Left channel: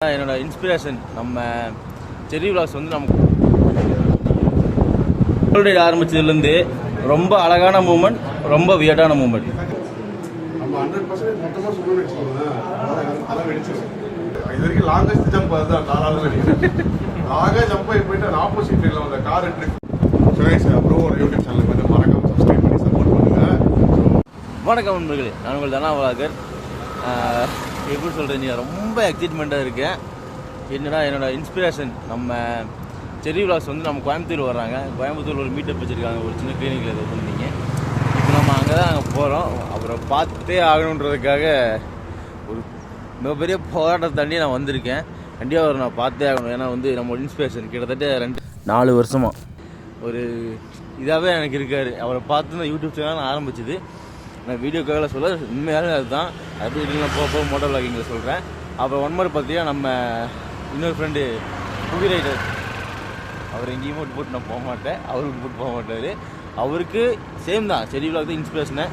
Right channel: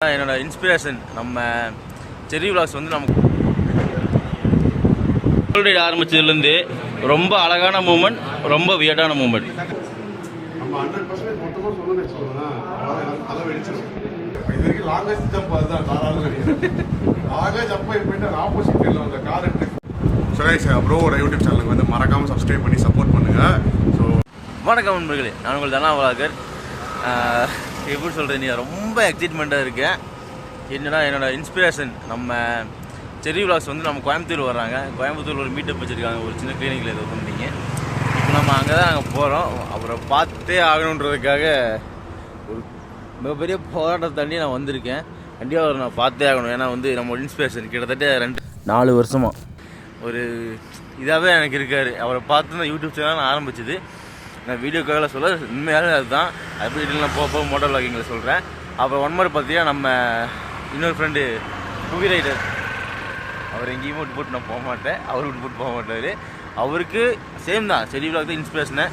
என்னோட இன்ஸ்பிரேஷன் நம்ம செரி விலாக்ஸ் வந்து நமக்கு ரைடு ஆரம்பிச்சதுலேருந்து ரொம்ப அழகான மூமெண்ட் ரொம்ப வியர்டான மூமெண்ட் இது வரைக்கும் லாங்கஸ்ட் ஜம்ப் அதுதான் வெடிக்கும். லாங்காக ஜம்ப் ஆகி போயிட்டு அந்த ஆப்போசிட் ஃபீல்டில் வந்த கார் ட்ரிப் சுரேஷ் ப்ரோவோட யூடியூப் சேனலுக்கு வந்து மறக்காமல் சப்ஸ்கிரைப் பண்ணி சப்போர்ட் பண்ணுங்கள் ஸோ வணக்கம் நண்பர்களே நான் உங்கள் தனா வளாகர். எப்படி சொல்கிறது நீ ரொம்ப எக்ஸைட்மெண்ட்டாக இருக்கேன் என்னடா என்னோடய இன்ஸ்பிரேஷன் நம்ம செரி விலாஸ் வந்து நம்ம கோயம்புத்தூர் வர்றாங்க. கோயம்புத்தூர் ஒரு மீட்டப் வச்சுருக்காங்க. ஒரு சின்ன கிளினிக்கில் ஏதோ வந்தீங்க. இப்போ நம்ம அங்கே தான் நாங்கள் போகிறோம் அவரை பார்த்தே ஆகணுன்றதுக்காக ஒரு மிகப்பெரிய போராட்டத்தை தாண்டி நான் வந்திருக்கேன். கண்டிப்பாக அவரை நான் பார்த்தே ஆகணும். ஏன்னா வந்து நம்ம இன்ஸ்பிரேஷன் கிட்டத்தட்ட ரெண்டு நாலு வருஷமாக ஒரு இதாகவே எனக்கு இருக்கார். அவரை பார்த்து தான் யூடியூப் சேனல் நான் ஆரம்பிச்சது. நான் வீடியோக்காக சொல்ல உண்மையாலே அதுதான். அப்படி இல்லைனா போக போக மோட்டோ விளாகிங்கில் சொல்கிறேன் அப்புறம் ஒன் மோர் பார்த்தீங்கன்னா நம்ம இன்னொரு ஃப்ரெண்டு புவி ரைடர் அவர் எங்கேயும் விட்டு போட்டு நான் போக மாட்டேன். அவர் விட்டு போட்டு போக மாட்டார். அவருக்கு சேம் தான். செடி விளாக் தான் இன்ஸ்பிரேஷனை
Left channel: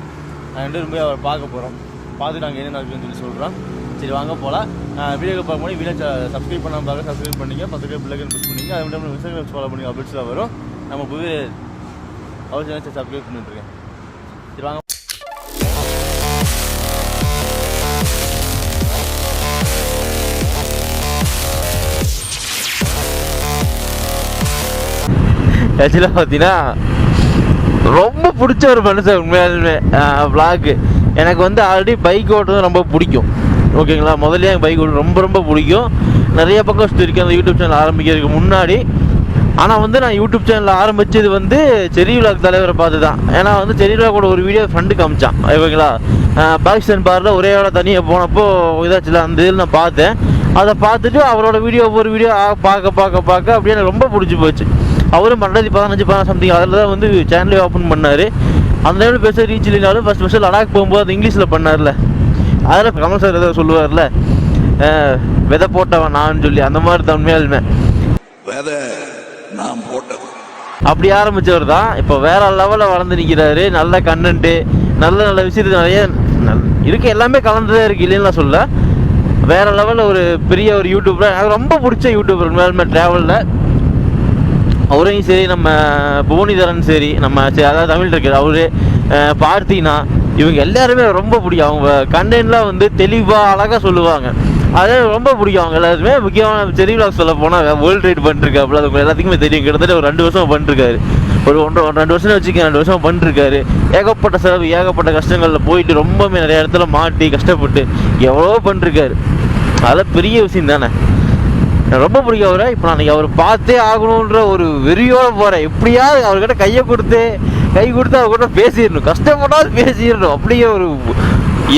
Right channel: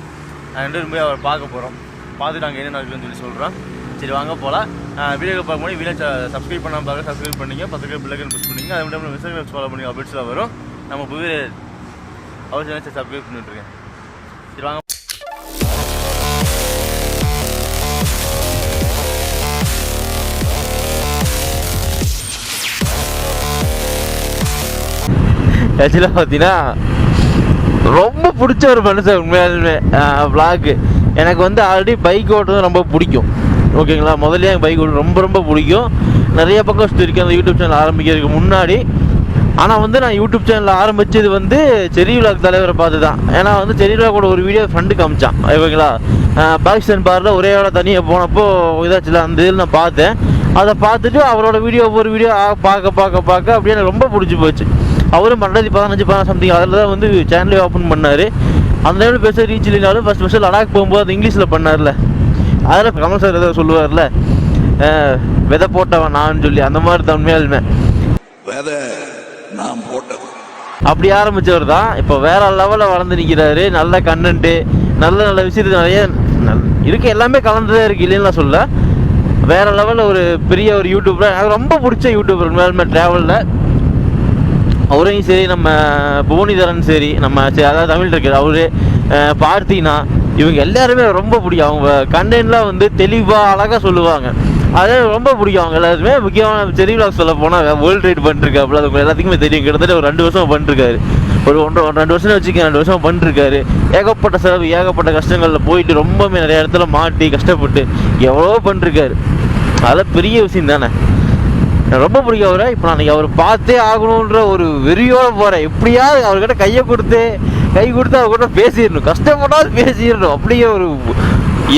ரெண்டு பேரும் போய் அவரை பார்க்க போகிறோம் பார்த்துட்டு அங்கே என்ன நடக்குதுன்னு சொல்லி சொல்கிறோம் சரி வாங்க போகலாம் வீடியோ பார்க்க முடியும் வீடியோ சப்ஸ்கிரைப் பண்ணாமல் பார்க்க சப்ஸ்கிரைப் பண்ணிங்க. பத்து பிள்ளைகள் புஷ் பண்ணிங்க. அது மட்டும் இன்ஸ்டாகிராம் ஃபாலோ பண்ணி அப்டேட்ஸ்லாம் வரும். நம்ம புது அவர் சேனல் சப்ஸ்கிரைப் பண்ணிட்டுருக்கேன் சரி வாங்க. ஆக்சுவலாக பார்த்தீங்கன்னா ரொம்ப பிடிச்ச ஒரு மனுஷன் உண்மையாலுமே vlog. எனக்கு வந்து ஆல்ரெடி பைக் ஓட்டுறது ரொம்ப பிடிக்கும். ஓகேங்களா? முதல்ல எனக்கு பைக் ஓட்டு ரொம்ப ரொம்ப பிடிக்கும். நிறைய பக்கம் சுற்றிருக்கேன் அந்த யூடியூப் சேனல் ஆரம்பிக்கிறதுக்கு முன்னாடி. ஆனால் வந்து நான் யூடியூப் சேனல் ஆரம்பித்தது வந்து செரி விலாக் தலைவரை பார்த்து தான் ஏன்னா வந்து செரி விலாக்கோட ஒரு வீடியோ ஃப்ரெண்டு காமிச்சான். ஓகேங்களா? பாகிஸ்தான் பாரில் ஒரே ஆள தனியாக போனப்போ இதாச்சுல அந்த இதில் நான் பார்த்தேன். அதை பார்த்துட்டு அவரோட வீடியோ ஒவ்வொரு வீடியோ பார்க்க பார்க்க பார்க்க அப்படியே எனக்கு ரொம்ப பிடிச்சி போச்சு. அவரும் ரெண்டாயிரத்தி பதினஞ்சு பதினாறு சம்திங் அதில் தான் வந்து சேனலே ஓப்பன் பண்ணார். அந்த டைமில் பேச ரீச் இல்லைனாலும் ஃபஸ்ட் ஃபஸ்ட்டு லடாக் போகும்போது அது இங்கிலீஷில் பண்ணார்ல. அதில் கமல் சார் ஏதோ சொல்லுவார்ல விதை போட்டவன் நான் சொல்லி. அந்த மாதிரி தான் உண்மையாலுமே. விதை நாம் போட்டது அப்படி ஆரம்பிச்சவர் தான். இப்போ வேற லெவலில் வளர்ந்து நிற்கிறாரு நல்ல கண்டென்ட்டு நல்ல நல்ல விஷயத்துக்கு நிறைய இருக்கு. எல்லாமே கலந்துதான் இருக்கு இல்லைன்னு நான் சொல்ல வேற லெவலில் ஒரு பெரிய ஒரு யூடியூபர் எனக்கு ரொம்ப பிடிச்ச யூடியூபர் உண்மையாலுமே ட்ராவலில் அவரையும் சரி நம்ம புவனிதரன் சரி நம்ம சரி, அதாவது தமிழ் இருக்கிற அவரு அஹ், பார்த்தினா இவங்க எல்லாருமே ரொம்ப பிடிக்கும். அவங்க கண்டென்ட்லாம் வந்து தெளிவாக அழகாக சொல்லுவாங்க. அதே ரொம்ப பிடிக்கும். அவங்க எல்லாருமே முக்கியமான செரி விலாக் சொல்ல போனால் வேர்ல்டு ரைட் பண்ணிருக்காப்புல அது உங்களுக்கு எல்லாத்துக்குமே தெரியும். கிட்டத்தட்ட ஒரு ரெண்டு வருஷம் பண்ணிருக்காரு. ஒரு ஒன்றரை ஒரு ரெண்டு வருஷம் வச்சுக்க ரெண்டு வருஷம் பண்ணிருக்காரு. ஏகப்பட்ட செலவு ஏகப்பட்ட கஷ்டங்களில் போயிட்டு ரொம்பவே நிறைய இடத்துல மாட்டி கஷ்டப்பட்டு எவ்வளோ பண்ணிருக்காரு. அதெல்லாம் பெரிய விஷயம் தானே. எனக்கு ரொம்ப பிடிக்கும் அவரை. இப்போ நான் அவர் பார்த்தே ஆகணுன்ற ஒரு வெறியோட போகிறேன் எப்படியாவது அவர்கிட்ட கையை கொடுத்து கை கொடுத்து அவர்கிட்ட பேசிடணும். கஷ்டப்பட்டாவது பேசிடணும். அப்படியே ஒரு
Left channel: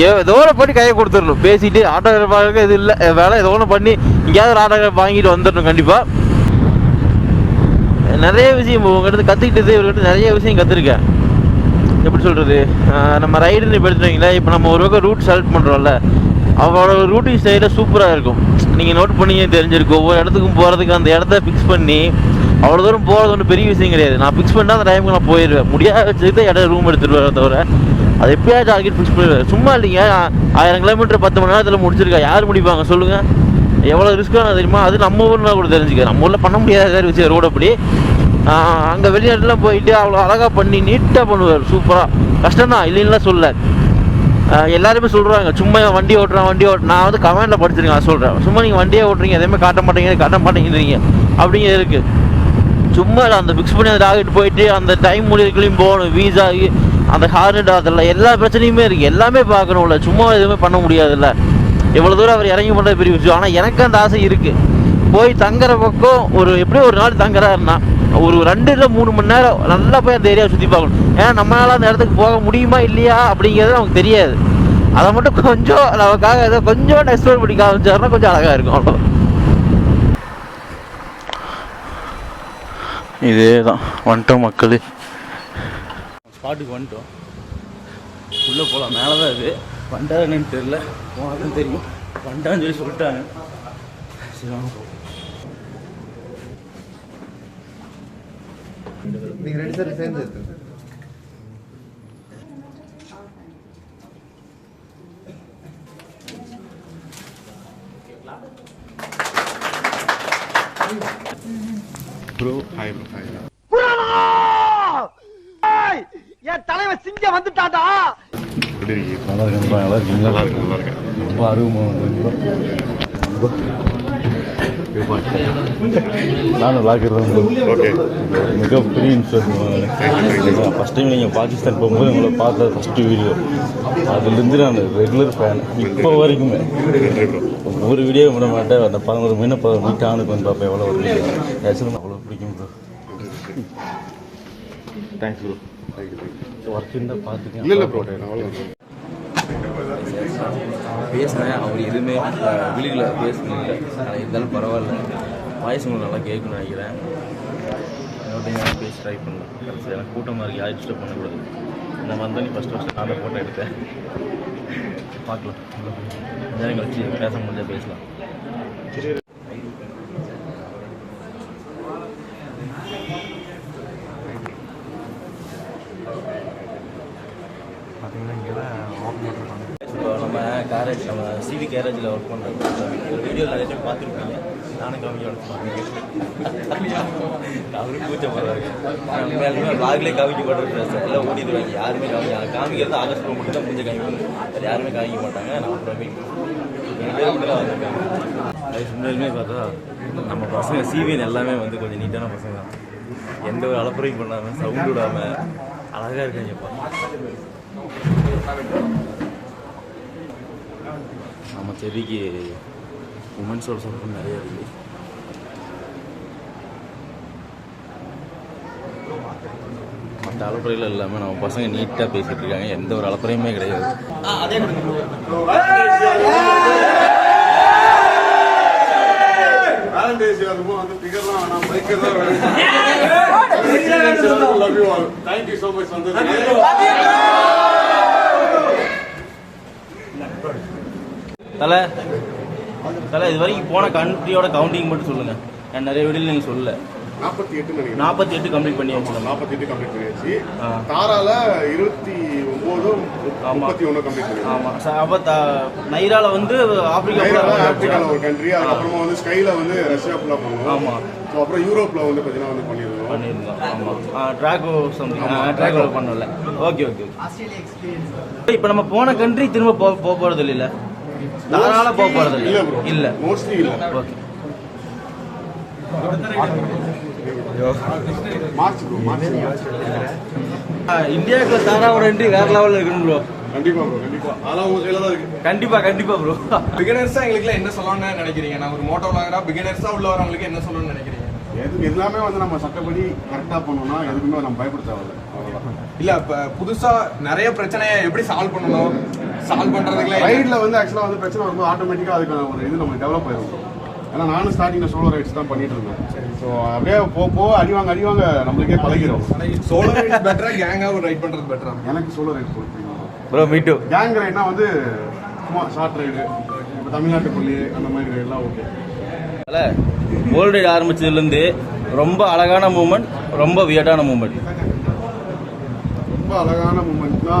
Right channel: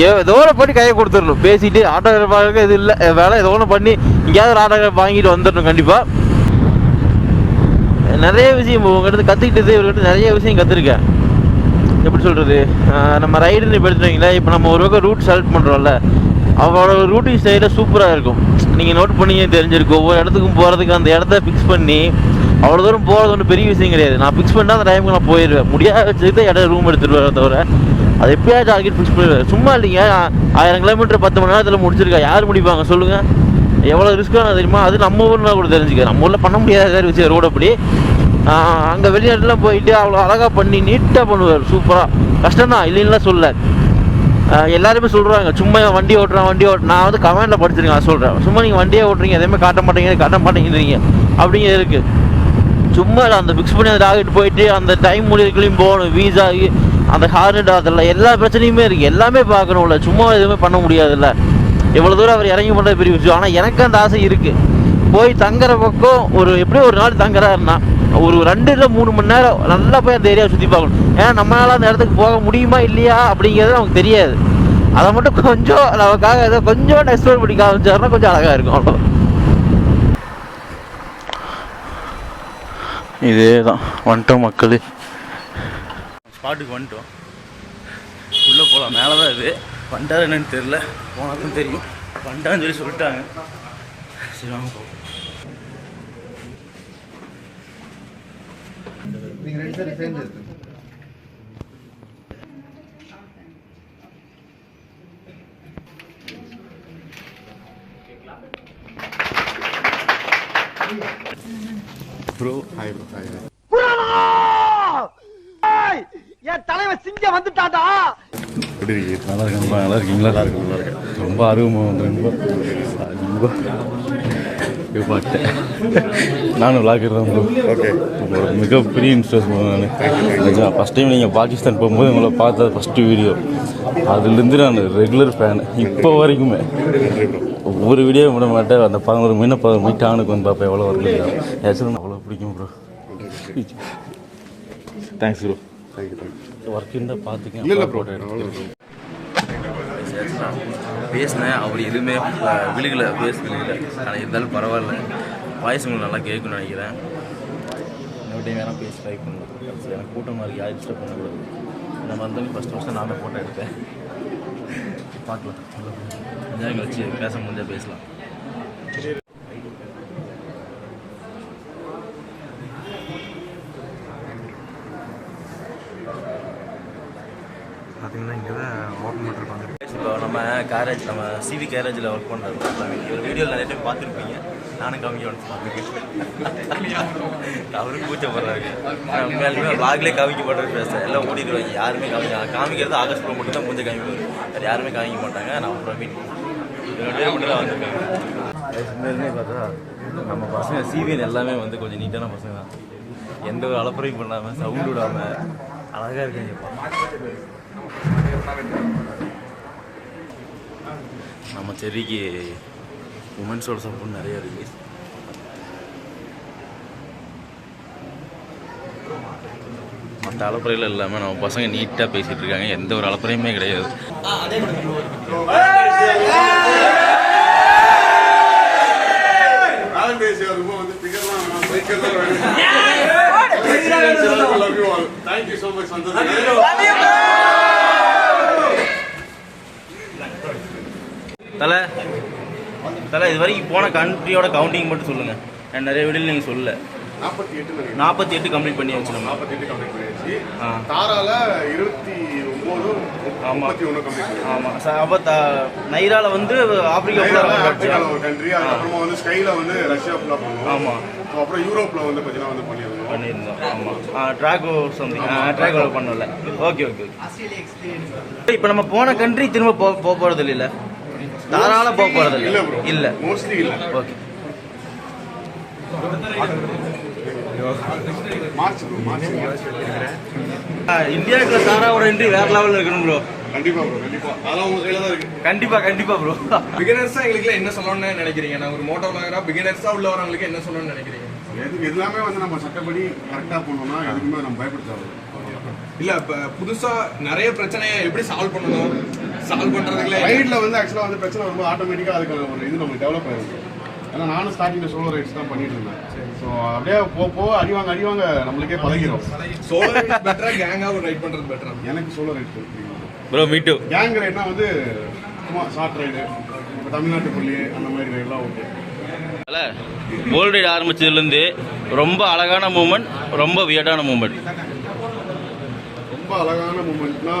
ஏதோ ஒன்று பண்ணி கையை கொடுத்துடணும். பேசிட்டு ஆட்டோகிராஃப் வாங்க இது இல்லை. வேலை ஏதோ ஒன்று பண்ணி எங்கேயாவது ஒரு ஆட்டோகிராஃப் வாங்கிட்டு வந்துடணும் கண்டிப்பாக நிறைய விஷயம் உங்ககிட்ட கற்றுக்கிட்டது இவர்கிட்ட நிறைய விஷயம் கற்றுருக்கேன் எப்படி சொல்கிறது நம்ம ரைடுன்னு இப்போ எடுத்துட்டீங்களா இப்போ நம்ம ஒரு பக்கம் ரூட் செலக்ட் பண்ணுறோம்ல அவரோட ரூட்டிங் ஸ்டைலில் சூப்பராக இருக்கும். நீங்கள் நோட் பண்ணி தெரிஞ்சிருக்கும். ஒவ்வொரு இடத்துக்கும் போகிறதுக்கு அந்த இடத்த ஃபிக்ஸ் பண்ணி அவ்வளோ தூரம் போகிறது ஒன்றும் பெரிய விஷயம் கிடையாது. நான் ஃபிக்ஸ் பண்ணால் அந்த டைமுக்கு நான் போயிடுவேன் முடியாத வச்சுக்கிட்டு இடம் ரூம் எடுத்துருவேன் தவிர அது எப்பயாச்சும் டார்கெட் ஃபிக்ஸ் பண்ணிடுவேன். சும்மா இல்லைங்க ஆ- ஆயிரம் கிலோமீட்டர் பத்து மணி நேரத்தில் முடிச்சிருக்கா யார் முடிப்பாங்க சொல்லுங்கள் எவ்வளோ ரிஸ்க்கான தெரியுமா? அது நம்ம ஊர்னா கூட தெரிஞ்சுக்க. நம்ம ஊரில் பண்ண முடியாத விஷயம் ரோடு அப்படி. அங்கே வெளிநாட்டுலாம் போயிட்டு அவ்வளோ அழகாக பண்ணி நீட்டாக பண்ணுவார். சூப்பராக கஷ்டம் தான் இல்லைன்னா சொல்ல எல்லாருமே சொல்கிறாங்க சும்மா வண்டி ஓட்டுறான் வண்டி ஓட்டு நான் வந்து கமெண்டில் படிச்சிருக்கேன் நான் சொல்கிறேன் சும்மா நீங்கள் வண்டியே ஓட்டுறீங்க எதுவுமே காட்ட மாட்டேங்க காட்ட மாட்டேங்கிறீங்க அப்படிங்க இருக்குது சும்மா அந்த ஃபிக்ஸ் பண்ணி அந்த டார்கெட் போயிட்டு அந்த டைம் முடிவுக்குள்ளேயும் போகணும் வீசா அந்த ஹார்னட் அதெல்லாம் எல்லா பிரச்சனையுமே இருக்குது எல்லாமே பார்க்கணும்ல சும்மா எதுவுமே பண்ண முடியாதுல்ல. எவ்வளோ தூரம் அவர் இறங்கி பண்ணுறது பெரிய விஷயம் ஆனால் எனக்கு அந்த ஆசை இருக்குது போய் தங்குற பக்கம் ஒரு எப்படியும் ஒரு நாள் தங்குறாருன்னா ஒரு ரெண்டு இல்லை மூணு மணி நேரம் நல்லா போய் அந்த ஏரியாவை சுற்றி பார்க்கணும். ஏன்னா நம்மளால அந்த இடத்துக்கு போக முடியுமா இல்லையா அப்படிங்கிறது நமக்கு தெரியாது. அதை மட்டும் கொஞ்சம் நமக்காக ஏதோ கொஞ்சம் எக்ஸ்ப்ளோர் பண்ணி காமிச்சாருன்னா கொஞ்சம் அழகாக இருக்கும் அவ்வளோ இதே தான் வந்துட்டோம் மக்கள். ஸ்பாட்டுக்கு வந்துட்டோம். உள்ளே போகலாம் மேலே தான் இது. வந்துட்டாரு என்னன்னு தெரில போனால் தான் தெரியும். வந்துட்டான்னு சொல்லி சொல்லிட்டாங்க. சரி வாங்க. நீங்கள் ரெண்டு பேரும் சேர்ந்து எடுத்துங்க ப்ரோ ஹாய் ப்ரோ ஹாய் என் தலைவன் சிங்கம் வந்துட்டாடா! எப்படி நல்லா இருக்கேன் நல்லா இருக்கீங்களா? நல்லா இருக்கு நல்லா இருக்கேன். ரொம்ப அருவமாக வந்து நானும் விளாக்கர் தான் ஓகே மிகப்பெரிய இன்ஸ்டர் நான் ஃபஸ்ட் டைம் நீங்கள் பாகிஸ்தான் போகும்போது உங்களை பார்த்த ஃபஸ்ட்டு வீடியோ அதுலேருந்து நான் ரெகுலர் ஃபேன் இப்போ வரைக்குமே. ஒவ்வொரு வீடியோ விட மாட்டேன். அந்த பதினோரு மீன பதினோரு மீட்டானுக்கு வந்து அப்போ எவ்வளோ ஒரு ஆக்சுவலாக அவ்வளோ பிடிக்கும் ப்ரோ தேங்க்ஸ் ப்ரோ ஒர்க் இருந்தால் பார்த்துக்கேன் இல்லை போட்டேன் போட்டேன் பேசினேன். அவர் எதுவுமே விழுகலை விழுகல பேஸ் விழுகல ஆனால் இருந்தாலும் பரவாயில்ல. வாய்ஸ் உங்களுக்கு நல்லா கேட்கணும்னு நினைக்கிறேன். இன்னொரு டைம் பேசி ட்ரை பண்ணலாம். கடைசி எனக்கு கூட்டமாக இருக்குது யாரும் டிஸ்டர்ப் பண்ணக்கூடாது. நான் வந்தோடனே ஃபஸ்ட்டு ஃபஸ்ட்டு நான் தான் ஃபோட்டோ எடுத்தேன். பார்க்கலாம். கொஞ்ச நேரம் கழிச்சு பேச முடிஞ்சால் பேசலாம் இப்போ நம்ம கேரேஜ் நம்ம சிவி கேரேஜில் ஒர்க் பண்ணுறோம் வீடியோவில் நிறைய டைம் பார்த்துருப்பீங்க. நானும் காமிக்க பார்த்துருக்கேன் அவரும் கூச்சப்படுறாரு. நான் உண்மையாலுமே vlogலயே மாட்டேன் பேச எல்லாம் ஓடிடுவாங்க. யாருமே கவிங்க காமிக்கிறது ஆகஸ்ட் ப்ரோ மட்டும் தான் கொஞ்சம் காமிக்கணும் வேறு யாருமே காமிக்க மாட்டாங்க. நான் பிரவீன் ரெண்டு பேர் மட்டும் தான் வந்திருக்காங்க அது பார்த்தா நம்ம பசங்க சிவிஎன் எல்லாமே வந்து கொஞ்சம் நீட்டான பசங்க தான். எந்த ஒரு அலப்பறையும் பண்ணாமல் சவுண்ட் விடாமல் அழகாக இருக்காங்கப்பா நம்ம செடிக்கு உமன்ஸோட சப்போர்ட் நிறைய இருக்கு. மற்ற அலப்பறைகள் இல்லாமல் நம்ம பசங்க நீட்டாக பேசிகிட்டு இருக்காங்க. எந்த ஒரு அலப்பறையுமே கிடையாது. டே அதுவும் வந்து பிகர்லாம் வேணாம் பைக்கர் தான் வேணும் love you all thank you so much தலை தலை இது வரைக்கும் போன கண்ட்ரியோட கவுண்டிங் மட்டும் சொல்லுங்க. நான் நிறைய வீடியோ நீங்கள் சொல்லல. நாற்பத்தி எட்டு நினைக்கிறேன் நாற்பத்தி எட்டு கம்ப்ளீட் பண்ணி வச்சுருந்தோம் நாற்பத்தி எட்டு கம்ப்ளீட் பண்ணியாச்சு. தாரால இருபத்தி ஒன்பது ஆமா. முப்பத்தி ஒன்று கம்ப்ளீட் ஆமாம் சார் அப்போ நைரால வந்து ஆப்பிரிக்கா ஆப்பிரிக்கால ஒரு கண்ட்ரி அதுக்கப்புறமா வந்து ஸ்கைல வந்து ரஷ்யா ஃபுல்லா பண்ணுவோம். ஆமா. அப்புறம் யூரோப்ல வந்து பார்த்தீங்கன்னா வந்து பண்ணியிருந்தோம். பண்ணியிருந்தோம். ஆமாம் ட்ராகோ சம்திங் ட்ராகோ பண்ணல ஓகே ஓகே இப்போ நம்ம போன கண்ட்ரி திரும்ப போக போகிறது இல்லைல்ல தாராள போக இல்ல. ப்ரோ இல்லை. மோஸ்ட்லி இல்ல. ஓகே மார்ச் ப்ரோ மார்ச் இந்தியாவுக்குள்ள தாராவோட என்ட்ரி வேற லெவலில் இருக்கணும் ப்ரோ கண்டிப்பா ப்ரோ கண்டிப்பா. அதெல்லாம் உங்க கையில தான் இருக்கு. கண்டிப்பா கண்டிப்பா ப்ரோ பிகினர்ஸா எங்களுக்கு என்ன சொல்லணும்னு நினைக்கிறீங்க? நான் ஒரு மோட்டோ விளாகரா பிகினர்ஸா உள்ளவங்களுக்கு என்ன சொல்லணும்னு நினைக்கிறீங்க? எது எல்லாமே வந்து நம்ம சட்டப்படி கரெக்டா பண்ணோம்னா எதுக்குமே நம்ம பயப்பட தேவையில்லை அவ்வளவுதான். இல்ல இப்ப புதுசா நிறைய பிரச்சனையை எப்படி சால்வ் பண்ணணும்? சால்வ் பண்றதுக்குலாம் ரைட்ல வந்து ஆக்சுவலா வந்து பிரச்சனை வரும்போது ஆட்டோமேட்டிக்கா அதுக்கான ஒரு இது நமக்கு டெவலப் ஆயிருக்கும் ஏன்னா நானும் ஸ்டார்டிங்ல சோலோ ரைட்ஸ் தான் பண்ணிட்டு இருந்தேன். ஸோ அப்படியே போ போ அடிவாங்க அடிவாங்க நம்மளுக்கே பழகிறோம் சோலோ பெட்டரா கேங்கா ரைட் பண்றது பெட்டரா எனக்கு சோலோ ரைட் கொடுத்தீங்க ப்ரோ மீட்டு கேங் ரைட்னா வந்து சும்மா ஷார்ட் ரைடு இப்போ தமிழ்நாட்டு புள்ளி அந்த மாதிரி ரைட்லாம் ஓகே வேர்ல்டு ரைட் ஆரம்பிச்சதுலேருந்து ரொம்ப அழகான மூமெண்ட் ரொம்ப வியர்டான மூமெண்ட் ரொம்ப அழகான மூமெண்ட்னா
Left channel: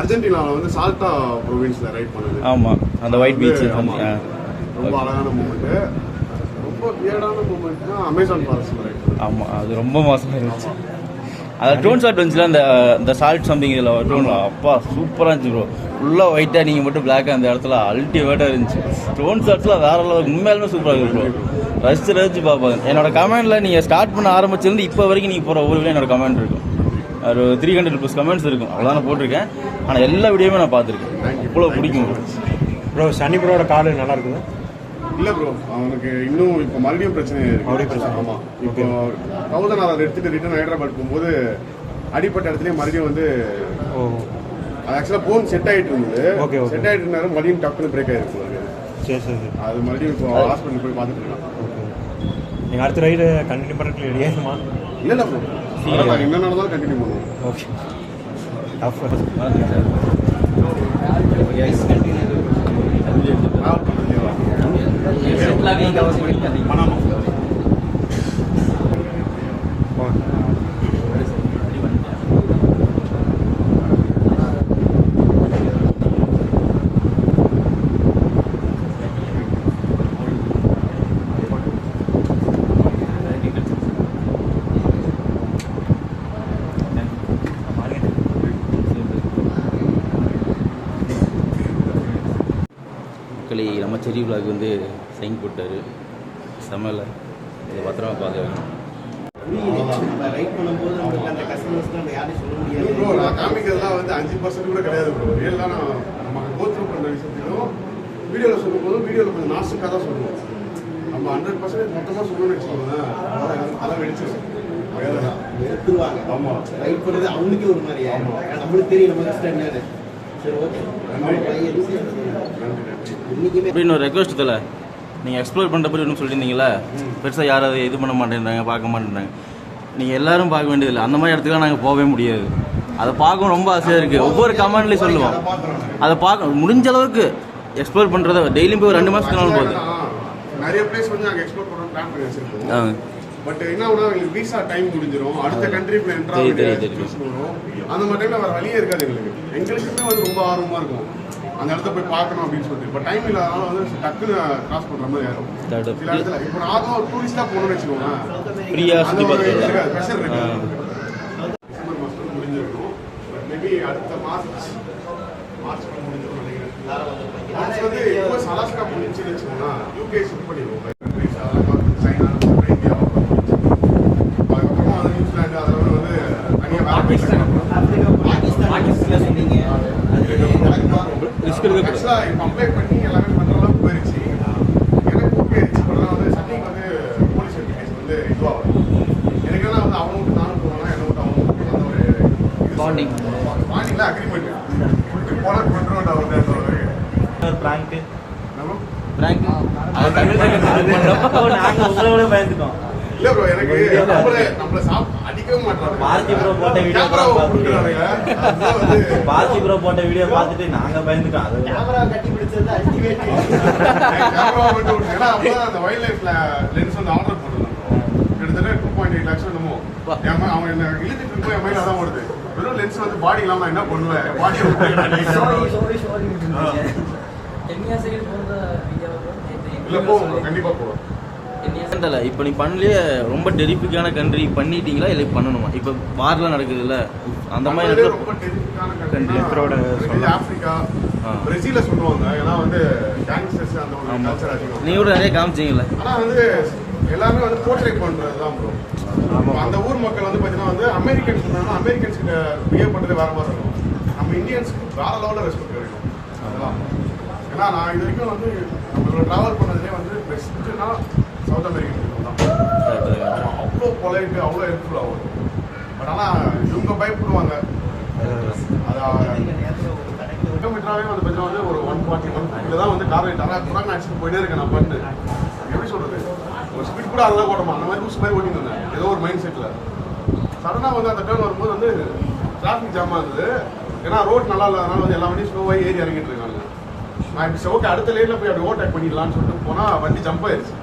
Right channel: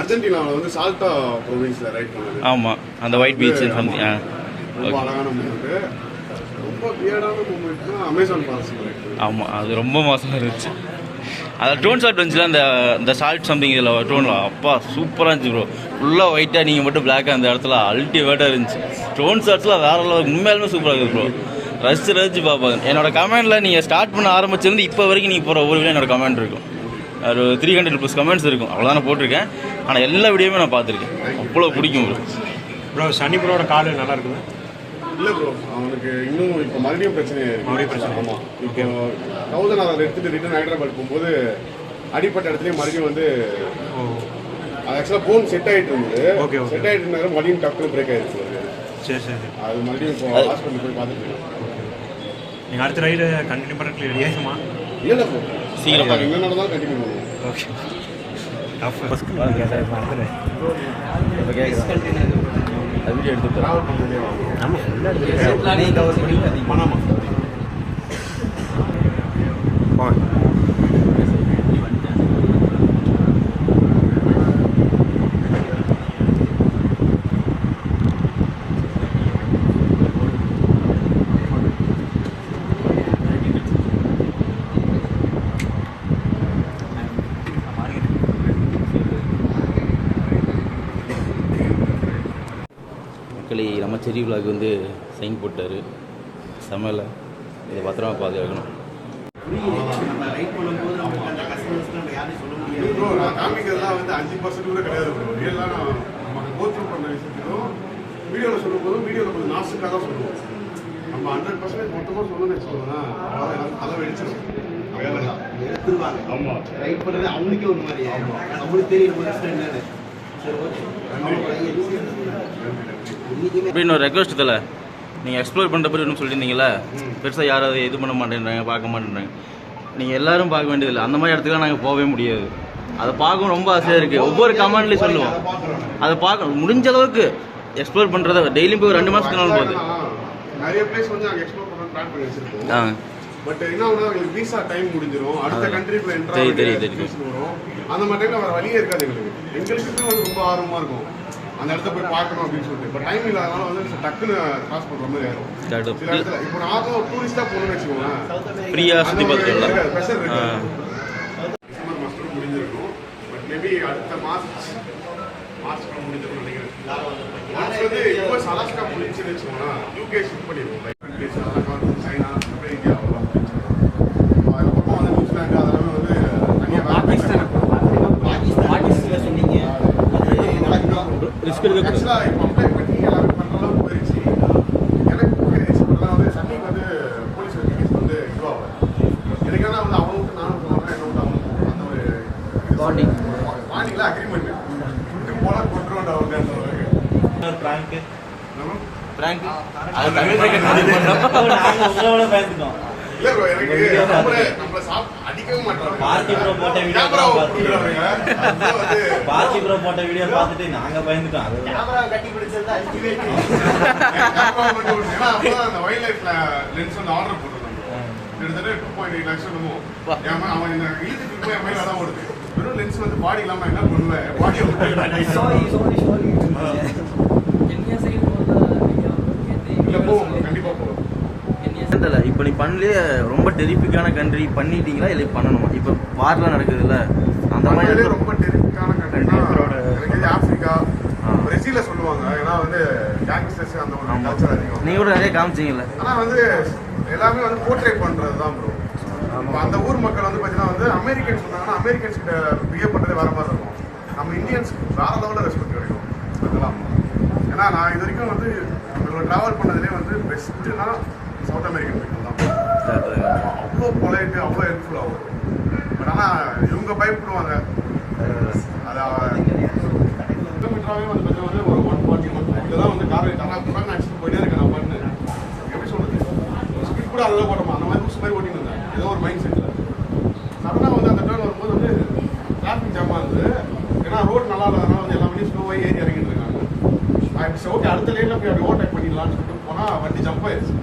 அர்ஜென்டினாவில் வந்து சால்டா ப்ரொவின்ஸ்ல ரைட் பண்ணது. ஆமாம் அந்த ஒயிட் பீச் ரொம்ப அழகான மூமெண்ட் ரொம்ப வியர்டான மூமெண்ட்னா அமேசான் ஃபாரஸ்ட்ல ரைட் ஆமாம் அது ரொம்ப மோசமாக இருந்துச்சு. அதில் டோன் ஷாட் வந்துச்சுல அந்த இந்த சால்ட் சம்திங் இதில் டோனில் அப்பா சூப்பராக இருந்துச்சு ப்ரோ ஃபுல்லாக ஒயிட்டாக நீங்கள் மட்டும் பிளாக்காக அந்த இடத்துல அல்டிமேட்டாக இருந்துச்சு. டோன் ஷாட்ஸ்லாம் வேற லெவல் உண்மையாலுமே சூப்பராக இருக்குது ப்ரோ ரசிச்சு ரசிச்சு பார்ப்பாங்க. என்னோட கமெண்டில் நீங்கள் ஸ்டார்ட் பண்ண ஆரம்பிச்சிருந்து இப்போ வரைக்கும் நீங்கள் போகிற ஒவ்வொரு வீடியோ என்னோட கமெண்ட் இருக்கும். ஒரு த்ரீ ஹண்ட்ரட் ப்ளஸ் கமெண்ட்ஸ் இருக்கும். அவ்வளோதான் போட்டிருக்கேன். ஆனால் எல்லா வீடியோவுமே நான் பார்த்துருக்கேன். அவ்வளோ பிடிக்கும் ப்ரோ ப்ரோ சனி ப்ரோட கார்டு நல்லா இருக்குது? இல்ல ப்ரோ அவனுக்கு இன்னும் இப்போ மறுபடியும் பிரச்சனை இருக்கு. மறுபடியும் பிரச்சனை. ஆமா. இப்போ தௌசண்ட் ஆர் எடுத்துட்டு ரிட்டர்ன் ஹைதராபாத் போகும்போது அடிப்பட்ட இடத்துலயே மறுபடியும் வந்து ஓ. அது ஆக்சுவலா போன் செட் ஆயிட்டு இருந்தது. okay. செட் ஆயிட்டு இருந்தாலும் மறுபடியும் டக்குனு பிரேக் அவருக்கு. சரி சரி அது மறுபடியும் இப்போ ஹாஸ்பிட்டல் போய் பார்த்துட்டு இருக்கான். நீங்கள் அடுத்த ரைடு கண்டினியூ பண்ணுறதுக்கு ரெடி ஆகுமா இல்ல இல்ல ப்ரோ சீக்கிரமா. என்ன நடந்தாலும் கண்டினியூ பண்ணுவோம். ஓகே. பணமா நம்ம செரி விலாக் வந்து சைன் போட்டார். செம்மல இதை பத்திரமா பாதுகாக்கணும் காமிக்கிறதுலாம் வந்து அஞ்சு பர்சன்ட் கூட கிடையாது ரியலாக நான் நமக்கு கோத்ரூ பண்ண விஷயத்தையும் வீடியோவில் சொல்லும்போது வீடியோவில் கொஞ்சம் நாசுக்காக தான் சொல்லுவோம். நம்ம ஹண்ட்ரட் பர்சன்டேஜ் மொத்தமாக சொல்லணும்னு வச்சுக்கோங்களேன் அவ்வளோ தலை வெடிச்சிடும் எடுத்துருவாங்க. ஆமா. ரைட் பண்ணது அவனுக்கே ஒரு மாதிரி நம்மளுக்கு தெரியும் நம்ம அப்படின்னு ஒரு ரெக்வஸ்ட் இதில் நீங்கள் எக்ஸ்ப்ளோர் பண்ணுற பற்றி ஒன்றும் சொல்லியிருந்தீங்களா பெருசாக யாரும் அதை இது பண்ண மாட்டேன்றாங்க பார்க்க மாட்டேன்றாங்க. நீங்கள் எல்லாரும் பார்க்க வேண்டியதில்லை. அந்த மாதிரி இடத்துக்குலாம் நாங்கள் போகவே முடியாது. அதை பார்க்க ரொம்ப ஆசையாக இருக்குது ஒவ்வொரு கமெண்ட்லேயும் சொல்லுவோம். அதை பார்க்க முடிஞ்ச அளவுக்கு எக்ஸ்ப்ளோர் பண்ணுறத டெய்லியும் போய் ரெண்டு மாதத்துக்கு நாள் போகுது. நிறைய பிளேஸ் வந்து நாங்கள் எக்ஸ்ப்ளோர் பண்ண பிளான் பண்ணி வச்சிருக்கோம். ஆ. பட் என்ன ஒன்று எங்களுக்கு விசா டைம் முடிஞ்சிரும். அடுத்த தெரியும், தெரியும். வரும். அந்த மாதிரி டைம்ல வேற வழியே இருக்காது எங்களுக்கு. எங்களுக்குமே வந்து ரொம்ப ஆர்வமா இருக்கும். அந்த இடத்த போய் பார்க்கணும் அப்படின்னு சொல்லிட்டு. பட் டைம் இல்லாதனால வந்து டக்குன்னு கிராஸ் பண்ற மாதிரி ஆகும். சில இடத்துல இப்போ நார்மலா டூரிஸ்டா போகணும்னு வச்சுக்கோங்களேன். பார்த்துட்டு ப்ரெஷர் இருக்கு டிசம்பர் மாசத்துல முடிஞ்சிருக்கும் பட் மேபி அடுத்த மார்ச் மார்ச் முடிஞ்சிருக்கும் நினைக்கிறேன். வந்து யூஎஸ் அலாஸ்கா முடிஞ்சுன்னு வச்சுக்கோங்களேன். யூகே ஷிஃப்ட் பண்ணிடுவோம் இங்கிலீஷ் அதெல்லாம் பார்த்து சைனா அப்புறம் இந்தியா அவ்வளோ முடிஞ்சிருக்கும் அதுக்கப்புறமா வந்து நியூசிலாந்து அதெல்லாம் வந்து தனியாக வேலை பாகிஸ்தான் சொன்னீங்க ரிஸ்க் எடுக்கக்கூடாது ஆக்சுவலாக இப்போ அப்ளை பண்ணி எல்லாமே பண்ணுற அளவுக்கு போயிருச்சு எனக்கு ஓகே ஆயிடுச்சு பட் வந்து சட்டிங் வந்து போலீஸ் வெரிஃபிகேஷன் வந்து இதுவாகல எனக்கு என்ன வந்து அவனுக்கு நானும் போவாங்க என்ன விட்டு அவனுக்கு அந்த ஒரு Bonding. பாண்டிங்ல அக்ரிமெண்ட் போனால் பண்ணுறோம்டா வந்து ஒரு ப்ராங்க் நம்ம பிராங்க் அது தமிழ் ரெக்கார்ட் பண்ணோம் நாங்கள் உங்களோட பயந்துட்டோம். இல்ல ப்ரோ எனக்கு நம்மள நம்மள சாப் அடிக்கவே மாட்டாங்க. பார்த்தி bro போட்ட Camera கூட போட்டுறாங்க. அப்புறம் வந்து பார்த்தி ப்ரோ போட்ட வீடியோ பார்த்துட்டு நாங்கள் பயந்துட்டோம். அது கேமரா கட்டி அடிக்கவே மட்டும் ஏன்னா அந்த வைல்ட் லைஃப்ல லென்ஸ் வந்து ஆர்டர் போட்டிருந்தாங்க கிட்டத்தட்ட டூ பாயிண்ட் எயிட் லேக்ஸ் என்னமோ. அவன் என்ன இழுத்துட்டு போய் என் மயில தான் வருது வெறும் லென்ஸ் வந்து பாடி இல்லாம என்ன பண்ணுவேன் பாடியை இல்ல போவோம் bro, கண்டிப்பா போவோம். தெரியல இப்போ நீ பண்ணலையே ரொம்ப டெரிஃபிக்கான கண்ட்ரி பண்ணிட்டீங்களா இல்லை பண்ணணுமா? இப்போ வார்லாம் நடக்குதுல்ல அந்த மாதிரி ரொம்ப டெரிஃபிக்கான. Country Africa. பிரேசில சொல்லுவாங்க. ஏன்னா வந்து கேங்ஸ்டர்ஸ் அந்த ஒரு ஆமா. கல்ச்சர் அதிகம். நீங்க கூட நிறைய காமிச்சீங்கல்ல. ஆனா வந்து எல்லாமே வந்து போர்ட்ரேட் பண்றது தான் ப்ரோ அந்த ஊர் மக்கள் வந்து பாத்தீங்கன்னா வந்து அமெரிக்கன்ஸ் சொன்னாங்கன்னா அமெரிக்கன்ஸ் கிட்ட பிஹேவ் பண்றதே வேற மாதிரி இருக்கும். நம்ம இந்தியன்ஸ்க்கு வேற லெவலில் ரெஸ்பெக்ட் கிடைக்கும். அதெல்லாம். ஏன்னா நான் இது வரைக்கும் வந்து நம்மளோட டிராவல் பண்ணதுலேயே வந்து பெஸ்ட்டுனா சவுத் அமெரிக்கன் people தான். அவ்வளோ பொலைட்டு அவ்வளோ ஹெல்ப்ஃபுல் ஆகும் பட் ஆனால் இவங்க பயப்படுவாங்க. அது கிலோமீட்டராகவே வந்து பார்த்தா வந்து ஒரு ஒன் ஃபார்ட்டி ஒன் ஃபிஃப்டியில் தான் வந்து காரை தரா துறாங்க அடிச்சுட்டு போயிட்டே இருக்கேன் நான் பண்ணு. எப்படி சொல்றது? ஒரு ஸ்பீட் கூட அதெல்லாம் ஓட்டமா அந்த மாதிரி லூஸ் மாதிரி ஓட்டிட்டு இருந்தேன் ஏதோ ஒரு மைண்ட் செட்டில் சடனாக வந்து அந்த டேர்ன் வரும்போது வந்து டிராஃபிக் ஜாமாக இருந்தது. ஏன்னா ரோட் நல்லா இல்லாதனால வந்து எல்லா வண்டியும் ஸ்லோவாக ஏறி இறங்கிட்டு இருக்காங்க. நான் சரி ஓகே அடுத்த லேனில் போய் அப்படி ஓவர்டேக் பண்ணிடலாம்னு சொல்லிட்டு போனால் வண்டி ஜம்ப் ஆயிடுச்சு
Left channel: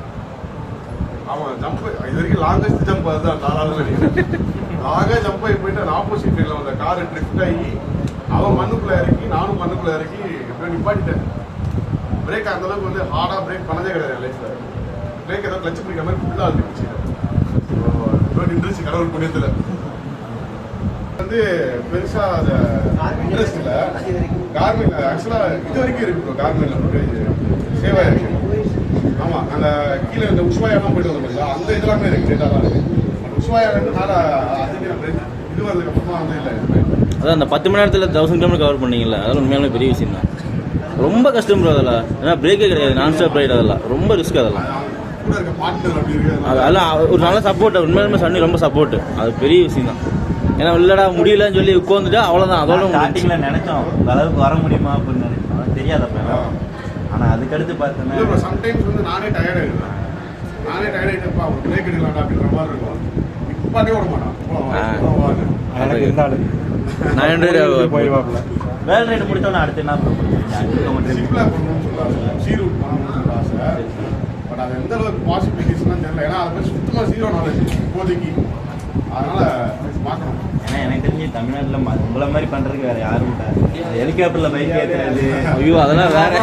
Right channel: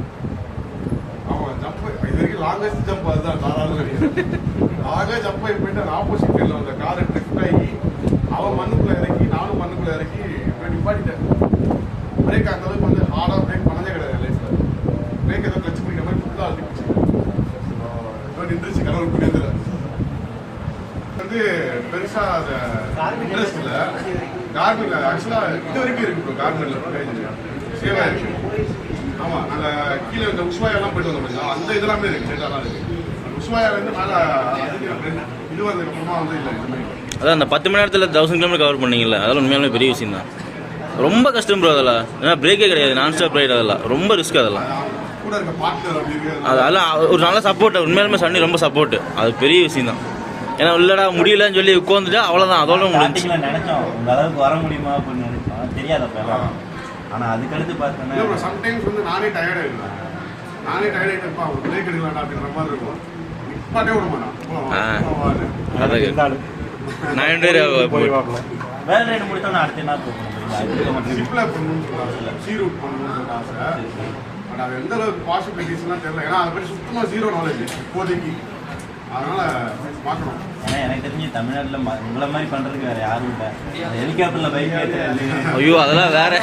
ஜம்ப் இது வரைக்கும் லாங்கஸ்ட் ஜம்ப் அதுதான் நாலாவது நினைக்கிறேன் லாகா ஜம்ப் ஆகி போயிட்டு ஆப்போசிட் சைடில் வந்த கார் ட்ரிஃப்ட் ஆகி அவன் மண்ணுக்குள்ளே இறக்கி நானும் மண்ணுக்குள்ளே இறக்கி இப்போ நிப்பாட்டிட்டேன். பிரேக் அந்த அளவுக்கு வந்து ஹார்டாக பிரேக் பண்ணதே கிடையாது என் லைஃப்ல பிரேக் ஏதோ கிளச் பிடிக்கிற மாதிரி ஃபுல்லாக இருந்துச்சு. இப்போ நின்றுச்சு கடவுள் புண்ணியத்தில். வந்து பெருசாக அதை இன்ட்ரெஸ்ட் இல்லை. கார்மெண்ட் ஆக்சுவலாக இது வரைக்கும் இருக்கு கார்மெண்ட்ல சேவாக இருக்கு. ஆமா நாங்க கீழே இந்த உஷ்வாயா எல்லாம் போயிட்டு வந்தோம் அந்த இதெல்லாமே இருக்கு டேட்டாலாம் இருக்கு. அந்த உஷ்வாயா வந்து மேல இது வந்ததுக்கு அப்புறமா வந்து இல்ல. அதான் அந்த பத்து மணி நேரத்தில் தௌசண்ட் கிலோமீட்டர் கவர் பண்ணீங்கல்ல அதெல்லாம் உண்மையாலுமே பெரிய விஷயம் தான். ரொம்ப கஷ்டம் ப்ரோ அதெல்லாம். ஏன்னா பிரேக்கே கிடையாது நான் ஸ்டாப் ரைட் அதெல்லாம். ரொம்ப ரிஸ்க் அதெல்லாம். அதெல்லாம் ஒரு நல்ல சப்போர்ட் உண்மையாலுமே சன்னி ரொம்ப சப்போர்ட் அது பெரிய விஷயம் தான். ஏன்னா இல்லடா முடியலன்னு சொல்லி உட்காந்துட்டா அவ்வளோதான் அதோட முடிஞ்சு நினைச்சோம் இந்த அளவுக்கு வர முடியுமா அப்படின்னு நினைச்சோம். தெரியாதப்ப ஆனால் அதுக்கடுத்து பார்த்தோன்னா சம்டைம்ஸ் வந்து நானே டயர்ட் ஆயிடுவேன். நானே டயர்ட் ஆயிட்டப்பா ஒரு பிரேக் எடுக்கலாம்டா அப்படின்ற மாதிரி இருக்கும். நிப்பாட்டே விட மாட்டான். நான் ரெண்டு பேரும் வேலை ரைடு முடித்தோன்னா அடுத்து என்ன மட்டும் சிப்ல பண்ணணும்னு சொல்றாங்க சீ ரூட் பண்ணணும்னு சொல்றாங்க பட் அது எந்த அளவுக்கு பாசிபிலிட்டிஸ்லாம் தெரியல. ஏன்னா அதை பற்றி சுத்தமா ஜீரோ நாலேஜ் இப்போதைக்கு. அதனால பார்க்கணும். ஏன்னா எனக்கு தெரிஞ்சு தமிழ்நாட்டில் உங்களை மாதிரி பண்ணுறதுக்கு வேறு யாரும் இல்லை. ஹெலிகாப்டரில் பைக் ஏற்றுறது ஐயோ அதெல்லாம் வேற.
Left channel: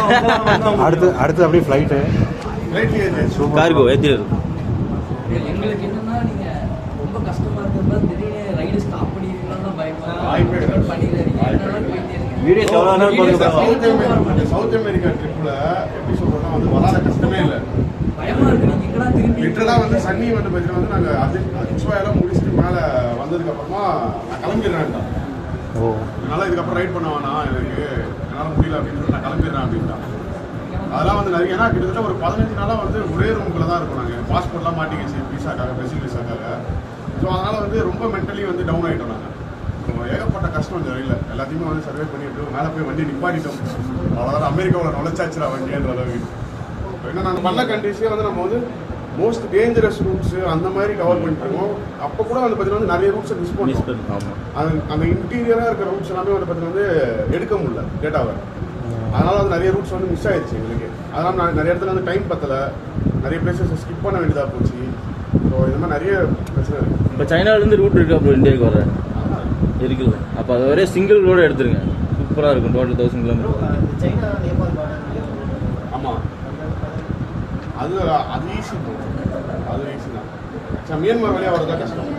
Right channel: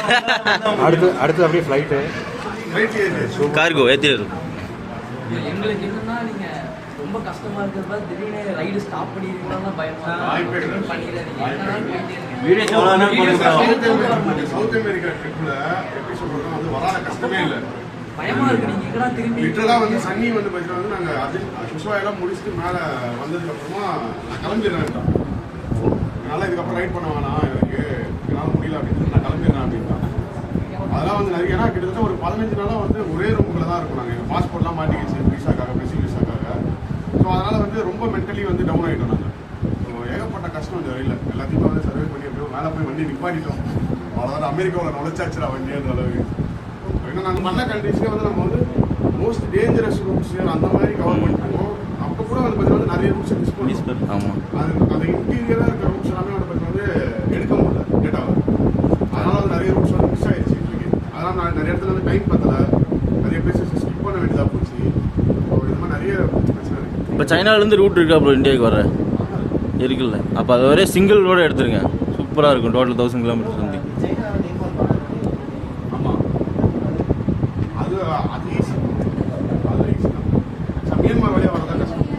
அடுத்து அடுத்து அப்படியே ஃப்ளைட்டு கார்கோ ஏற்றிடுது எங்களுக்கு என்னன்னா ரொம்ப இருக்கிறப்ப திடீர்னு ரைடு ஸ்டாப். பண்ணிடுறீங்க எவ்வளோ சவுத் அமெரிக்கா ட்ரிப்ல எப்படி சொல்றோம்னா வந்து வராத கஷ்டமே இல்லை. பயமா இருக்கு. நீங்க இங்கெல்லாம் திரும்பி? லிட்டரலா வந்து சன்னி வந்து பார்த்தீங்கன்னா வந்து நாங்கள் அது புஷ்வாயெல்லாம் முடிச்சுட்டு மேலே வந்ததுக்கு அப்புறமா நான் கிளம்பிடுறேன். என்னால் இதுக்கப்புறம் ரைட் பண்ண வேணாம் எனக்கு என்னால் முடியல அப்படின்னு சொல்லி நான் கிளம்பிடுறேன் அப்படின்ட்டான். அதெல்லாம் வந்து நிறைய ஏன்னா கிட்டத்தட்ட ஒரு பதினஞ்சு நாளாக வந்து ஒரே ரூம்குள்ள தான் இருக்கும் நாங்கள் பாஸ்போர்ட்லாம் மாட்டிக்கிச்சு விசாக்காக பிரசில் விசாக்காக ஸோ அதனால் வந்து ரொம்ப மென்டலி வந்து டவுன் ஆகிட்டோம் நாங்கள் ஏகப்பட்ட கஷ்டம் வழியில். எல்லாத்தையுமே வந்து சர்வே பண்ணி அப்படியே மேலே போய் வண்டி நிப்பாட்டிட்டோம். அவ்வளோதான் அமெரிக்காவில் நுழைச்சாச்சுடா வண்டின்ற அளவுக்கு. ஏன்னா நாங்கள் பண்ண கண்ட்ரிஸ்லேயே வந்து நம்ம வந்து மோஸ்ட் டேஞ்சரஸ் ரூட்ஸ் அந்த மாதிரி கவர் பண்ணிருக்கோம் அப்போ கூட வந்து பார்த்தீங்கன்னா வந்து நிறைய ரூட்ஸை மிஸ் பண்ணுவோம் ஆமாம் அது அந்த இன்டீரியராக இருக்கிற ரூட்ஸ் எல்லாமே வந்து பார்த்தீங்கன்னா வந்து எடுக்க முடியல டேட்டாவை அதனால வந்து நிறைய ரூட்ஸ் வந்து மிஸ் ஆயிடுச்சு எங்களுக்கு. அதனால நான் நிறைய இடத்துல வந்து டைம் பத்தலை. நிறைய பிளேசஸ் ஸ்கிப் பண்ண வேண்டியதாக போச்சு. ஸோ இந்த மாதிரி நிறைய பிரச்சனை இருக்கு. இப்போ சைனாலேருந்து ரூட் இருக்கா ப்ரோ இந்தியாவுக்கு வர இருக்குல்ல. அப்போ அது ஒரே சிங்கிள் ரோடு எடுத்துருங்க. சூப்பராக இருக்கும். டோட்டல் தௌசண்ட் கிலோமீட்டர் வந்து ஆமாம் அது அது ஈஸி அது ஈஸி தான். மியான்மர் வழியாக வரதா கஷ்டம்.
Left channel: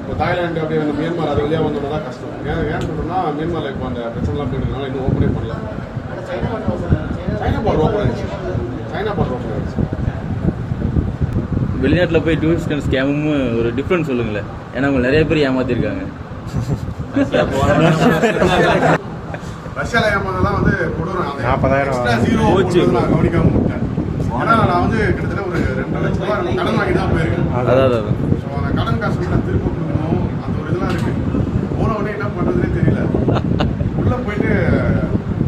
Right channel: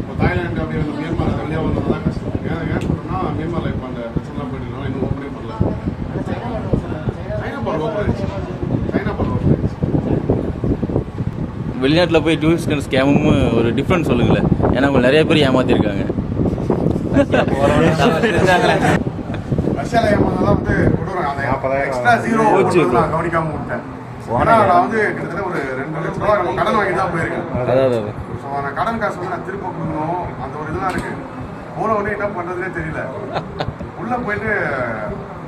இப்போ தாய்லாந்து அப்படியே அந்த மியான்மர் அது வழியாக வந்தது தான் கஷ்டம். ஏன் ஏன் சொல்கிறோம்னா மியான்மரில் இப்போ அந்த பிரச்சனைலாம் போயிட்டு இன்னும் ஓப்பனே பண்ணல. சைனா பால் ஓப்பன் ஆயிடுச்சு. சைனா பால் ஓப்பன் ஆயிடுச்சு. வெளிநாட்டில் போய் டூரிஸ்ட் ஸ்கேமும் ஒரு டிஃப்ரெண்ட் சொல்லுங்களேன் ஏன்னா உங்களை நிறைய பேர் ஏமாத்திருக்காங்க. ரஷ்யால ஏமாந்தெல்லாம் வந்து நாற்பதாயிரம் எக்ஸ்ட்ரா ஜீரோ போச்சு. நான் கவனிக்காம விட்டேன். ஏன்னா நான் வந்து கிட்டத்தட்ட ஒரு ரெண்டு லட்ச ரூபா நம்ம கடன் வாங்கி தான் போயிருக்கேன். ஸோ அந்த கடன் காசு வந்து நான் திரும்ப கொடுக்கணும். அந்த ஒரு இதெல்லாம் இருக்கு. போன உடனே என்ன பண்றதுனே தெரியல. உள்ள போயிட்டு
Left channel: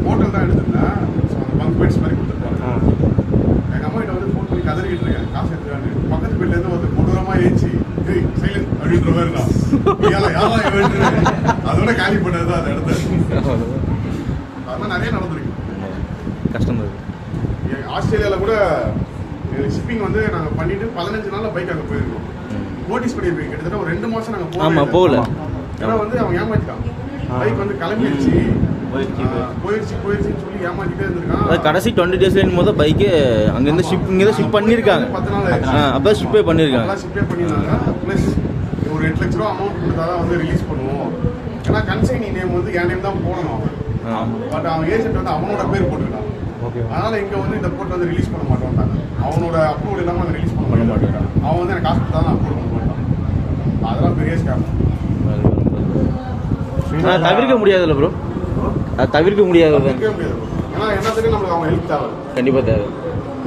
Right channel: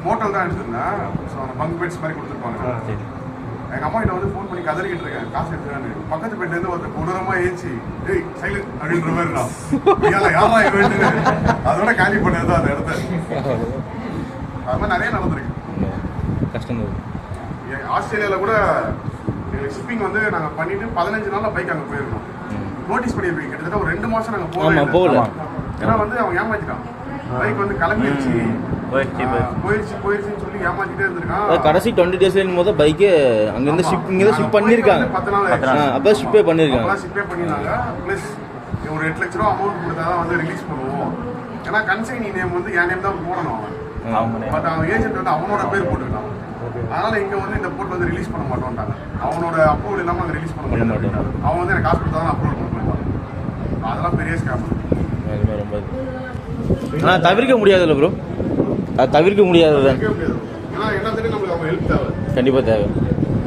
ஹோட்டல் தான் எடுத்திருந்தேன். ஸோ அந்த பங்க் பெட்ஸ் மாதிரி கொடுத்துருப்பாங்க. எங்க அம்மா கிட்ட வந்து ஃபோன் பண்ணி கதறிக்கிட்டு இருக்கேன். காசு எடுத்துக்கான்னு பக்கத்து பெட்ல இருந்து ஒருத்தர் கொடூரமா ஏச்சி ஏய் சைலண்ட் அப்படின்ற மாதிரி நான். யாரா இவன் அதோட காலி பண்ணது தான் அந்த இடத்த அது மாதிரி நிறைய நடந்திருக்கு. கஷ்டம் தான் ஆஸ்திரேலியால கூட ஷிப்பிங் வந்து நாங்க பண்ணிட்டு பதினஞ்சு நாள்ல பைக் அங்க போயிருக்கோம் நோட்டீஸ் பண்ணிருப்பீங்க கிட்டத்தட்ட ஒரு ரெண்டு மாசம் நாங்க ஆமா, போகவே போகல. ஏன்னா வந்து அவன் ஏமாத்திட்டான் பைக் வந்து கிளம்பிடுச்சு போயிடுச்சு, போயிடுச்சுன்னு சொல்லி ஏமாத்திட்டே இருந்திருக்கான். கடைசி டுவெண்ட்டி டேஸ்லேயும் போது பைக்கு அங்கேருந்து. ஷிப் இங்கே ஷிப் பண்ணியிருக்காங்க. பத்து நாள் அப்போ ஷிப்பே பண்ணியிருக்காங்க. ஷிப்பே பண்ணிருந்தாங்க ப்ளஸ் ஒரு எட்டு லட்ச ரூபா அமௌண்ட் கொடுத்தா தான் வந்து ரிலீஸ் பண்ணுவோம். ஏன்னா கன்சைனி நேம் வந்து என் நேம் தான் போடணும். பட் அவன் ஏஜென்ட் வந்து அவனோட பேர் போட்டுக்கிட்டான். அதனால இங்க வந்து இந்த போட் வந்து ரிலீஸ் பண்ண மாட்டோம்ட்டாங்க. அவனோட அப்ரூவல் இல்லாம அங்க ரிலீஸ் பண்ண மாட்டேன். அவன் வந்து எனக்கு கொடுத்தா தான் அப்ரூவல் பண்ண மாட்டான் அதெல்லாம் பெரிய ஸ்கேம் தவிர்க்க முடியாதுல்ல ப்ரோ அது தவிர்க்க முடியாது. ஏன்னா என்ன தெரியும் நம்மளுக்கு அவன் ஹெல்ப் தேவை? கண்டிப்பாக தேவை.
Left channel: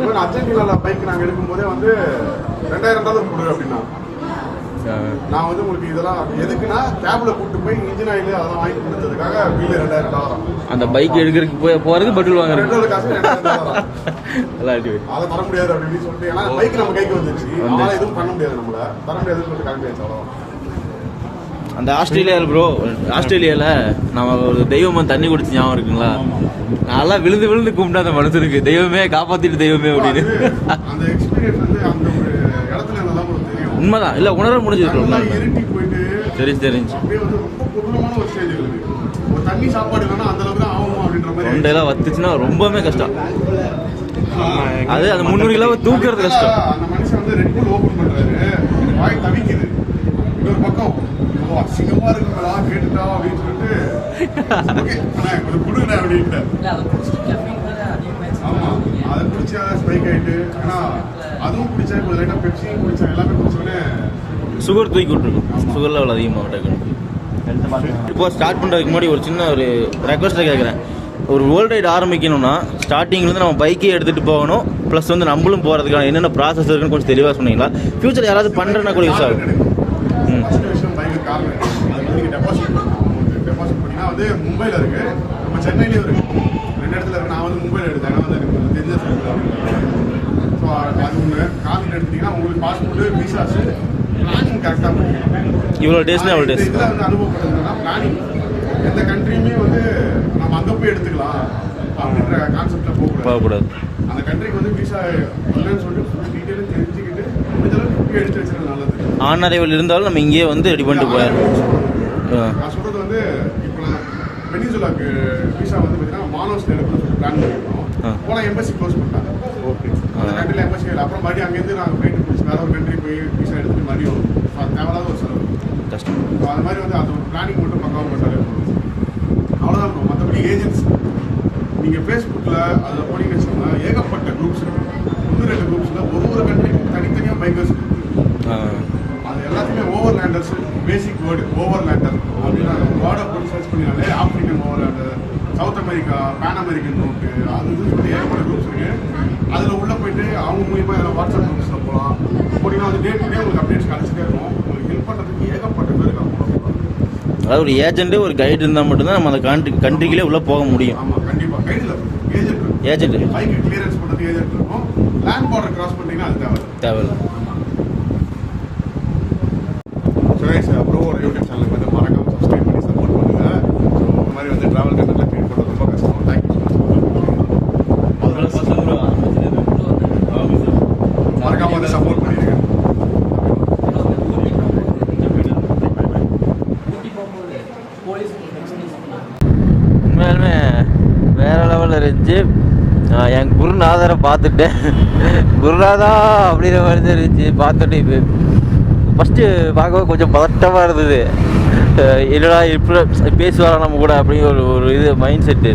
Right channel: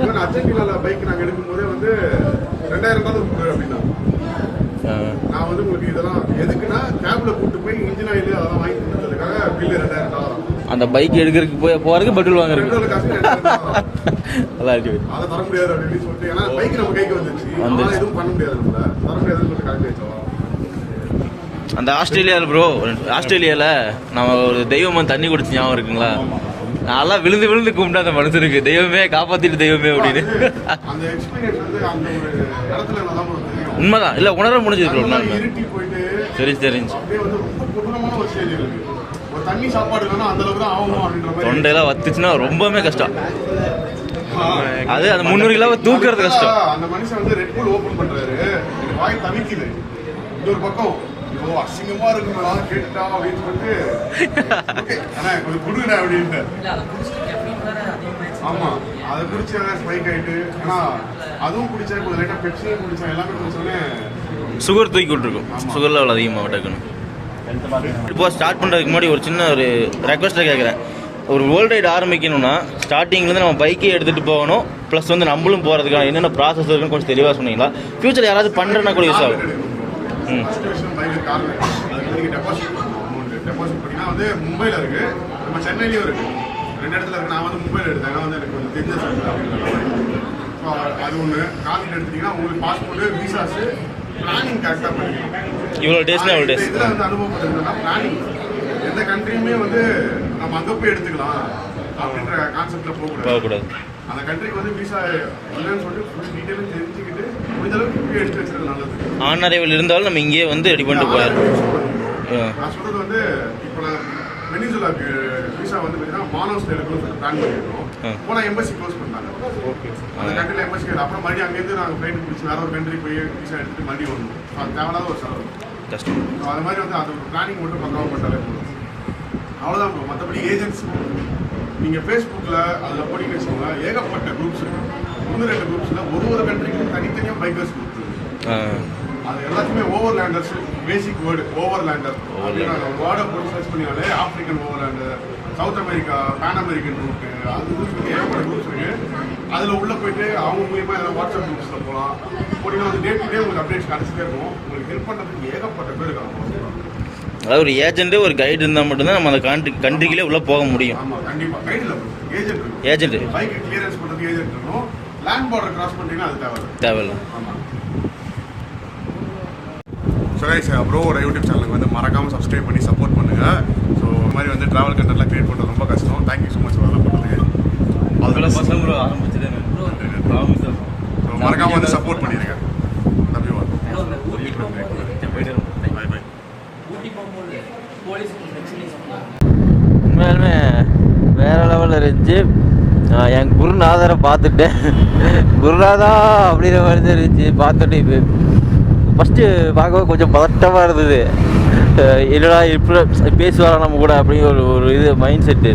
ஈவன் அர்ஜென்டினால பைக் நாங்க எடுக்கும் போதே வந்து ரெண்டாயிரம் டாலர் கொடு அப்படின்னா. நான் வந்து உங்களுக்கு இதெல்லாம் எதுக்குன்னா கேப்ல கூட்டு போய் இன்ஜின் ஆயில் அதெல்லாம் வாங்கி கொடுத்ததுக்காக பில்லு ரெண்டாயிரம் டாலர் அந்த பைக் எடுக்கிறதுக்கு போய் போகிறதுக்கு பெட்ரோல் வாங்குறது ரெண்டு காசு ரெண்டாயிரம் டாலர் நல்லா இருக்கு. அதை தர முடியாது அப்படின்னு சொல்லிட்டு ஏன்னா பைக் நம்ம கைக்கு வந்துருச்சு. அதனால எதுவும் பண்ண முடியாது நம்மள. தர முடியாதுன்னு சொல்லிட்டு கரெக்ட் ஆயிடுச்சு அவ்வளவுதான். அந்த ஆஸ்திரேலியாவில் ப்ரோ ஆஸ்திரேலியாவில் நம்ம ஒரு தெய்வம் தண்ணி குடிச்சு ஞாபகம் இருக்குங்களா? நான்லாம் விழுந்து விழுந்து கும்பிட்டு அந்த மனுஷனுக்கு தெய்வமே காப்பாத்திட்டு தெய்வமே அப்படின்னு. நல்லா உண்மைதான். இல்லை உணர முடிஞ்சது ப்ரோ நல்லா தெரிஞ்சு தண்ணி சாப்பாடு இல்லைன்னா அந்த அளவுக்கு தான் ஆகணும் அப்படின்ற மாதிரி தொண்டையெல்லாம் வத்துச்சுன்னா ரொம்பவே கஷ்டம். அது அந்த முந்நூறு கிலோவை தூக்குறது கஷ்டம். அந்த மனுஷன் வந்து ரெட் பூல் ஓபன் பண்றாரு. வாய் தவிக்குது. இது ஒரு பக்கம் அசிங்கமா இருக்குங்களா கேட்டுட்டா அப்படின்னு சொல்லிட்டு "Okay, அண்ணா கொஞ்சம் கொடுங்கண்ணா அப்படின்ட்டு. ஆமா அதை குடிச்சு ஸ்பைக் ஆயிட்டு ஏன்னா அதுவும் குடிச்சா கொஞ்சம் லைட்டா பெப்சியும் குடிச்சா எல்லாமே குடிச்சோடனே சுகர் தூக்கி விட்டுருக்கும் சுகர் லெவல் அதிகமாக டக்குன்னு இப்போ ஸ்டார்ட் பண்ணுறதுக்கு முன்னாடி ஒரு சின்ன ஒரு ரெக்வஸ்ட்டை கேட்குறேன் ஒரு வேர்ல்டு ரைடு ஆரம்பிக்கணும்னா ஸ்டார்டிங்லேருந்து நம்ம பைக்கே எடுத்துகிட்டு போகணும் ப்ளஸ் வந்து நம்மளும் போகிறதுக்கான என்னென்ன ப்ராசஸ் இருக்குன்னு கொஞ்சம் தெளிவாக சொன்னீங்களா? ஃபியூச்சர் யாராவது பண்ணுறேன்னா கூட யூஸ் ஆகும். ம். வந்து மும்பைல இருக்கு. நம்ம சென்னையிலயும் இருக்கு. ரெண்டு இடத்துல இருக்கு. நான் வந்து மும்பைல எடுத்தேன். வந்து எனக்கு கொஞ்சம் தெரிஞ்ச ஸோ அது ஒன்று காலையில் எடுத்தீங்கன்னா உங்களுக்கு பாஸ்போர்ட் விசாஸ் பிளானிங் கரெக்டாக பண்ணிக்கணும் இவ்வளோ டேஸ்னா இவ்வளோ டேஸ் இதில் வந்து அனுபவப்பட்டதுன்னா பிளானிங் எந்த கண்ட்ரியுமே வந்து நம்ம அங்கே போய் எடுத்துக்கலாம் அப்படின்ற கான்செப்டில் போகக்கூடாது. அந்த கண்ட்ரிக்கு வந்து விசா இல்லைன்னு சொல்லிட்டு ஃபுல் டீட்டெயிலும் தெரிஞ்சுக்கிட்டு முடிஞ்ச அளவுக்கு போய் எடுத்து வச்சுக்கிறது நல்லது. ஆன் அரைவல் இருந்தாலும் நம்ம இங்கேயே வந்து ரெடி பண்ணிட்டு போயிடணும் ஆ. நான் சொல்றது வந்து இப்போ நான் வெனிசுலாக்கு விசா வந்து பார்த்தீங்கன்னா மானோஸ்ல எடுக்கணும்னு பிளான் பண்ணியிருக்கோம். போனால் எம்பசி க்ளோஸ் பண்ணிட்டாங்க ஓகே. அந்த கண்ட்ரியில் எம்பசி அப்புறம் மறுபடியும் அங்கேருந்து நாங்கள் ஃப்ளைட் பிடிச்சி வேற ஒரு கண்ட்ரி போய் விசா எடுத்து மறுபடியும் வரும் தேவையில்லாத ஒரு செலவு. கஷ்டம். ஸோ அது மாதிரி வந்து அந்த பிளானிங் மட்டும் பக்காவாக பண்ணாலே போதும். அவ்வளோதான் மற்றபடி ஏஜென்ட்ஸ் நீங்கள் ஃபேஸ்புக்கில் அதில் போனீங்கன்னு வச்சுக்கோங்களேன் ஏகப்பட்ட குரூப்ஸ் இருக்கு. ஒன்று ரெண்டு குரூப்ஸில் ஒரு ஒரு கண்ட்ரிக்கும் தனித்தனியாக பைக்கர்ஸ் அது எல்லாத்தையுமே overlanders basic word overlander அப்படின்னு அந்த வேர்டை போட்டு search பண்ணினாலே African overlander South America Pan American route அது சொல்லி ஏகப்பட்ட குரூப்ஸ் இருக்கு அதில் உள்ள போயிட்டு அவங்க மூலியமா எல்லாம் வாட்ஸ்அப் குரூப்ஸில் போகலாம் போனீங்கன்னா வந்து டே டு டே உங்களுக்கு அப்டேட்ஸ் கிடச்சிட்டே இருக்கும். உங்களுக்கு ஹெல்ப் பண்ணுறதுக்கு ஏகப்பட்ட பேர் இருக்காங்க. அதாவது ஒரு ஏஜென்ட்டு ஒரு கைடு இருந்தால் மட்டும்தான் நம்ம அந்த கண்ட்ரி கண்ட்ரிக்குள்ளே உள்ளே போக முடியும். ஆமா கண்டிப்பா. கைடில் ஏஜென்ட் ஏஜென்ட் பைக் கிளியரன்ஸ் பண்ணுறது ஏஜென்ட் இருக்கும். லேண்ட் பார்டர் கிராஸ் பண்ணிட்டீங்கன்னா அது தேவை தேவையில்ல. சுரேஷ் ப்ரோவோட யூடியூப் சேனலுக்கு வந்து மறக்காம சப்ஸ்கிரைப் பண்ணி சப்போர்ட் பண்ணுங்க. ஸோ இந்த மாதிரி வந்து டிராவல் கண்டென்ட்லாம் கிரியேட் பண்ணுறது ரொம்ப கஷ்டம். தேங்க்யூ ஸோ மச் அதெல்லாம் பண்ணுறது பசங்க ஆரம்பிச்சிருந்தேன் So, மறக்காம வந்து சப்போர்ட் சொன்னாங்க உண்மையாலுமே வேற லெவலில் இருந்துச்சு. என் குருநாதரை பார்த்துட்டேன். குருநாதா அப்படிங்கிற மாதிரி தான் இருந்துச்சு. பார்த்துட்டு இப்போ ஃபஸ்ட்டு பார்க்கவே கொஞ்சம் பதட்டமாக இருந்தது. என்னடா இப்படி பேசுவாரா நம்ம கூட அப்படிங்கிற ஒரு ஒரு இது மைண்ட் செட்டு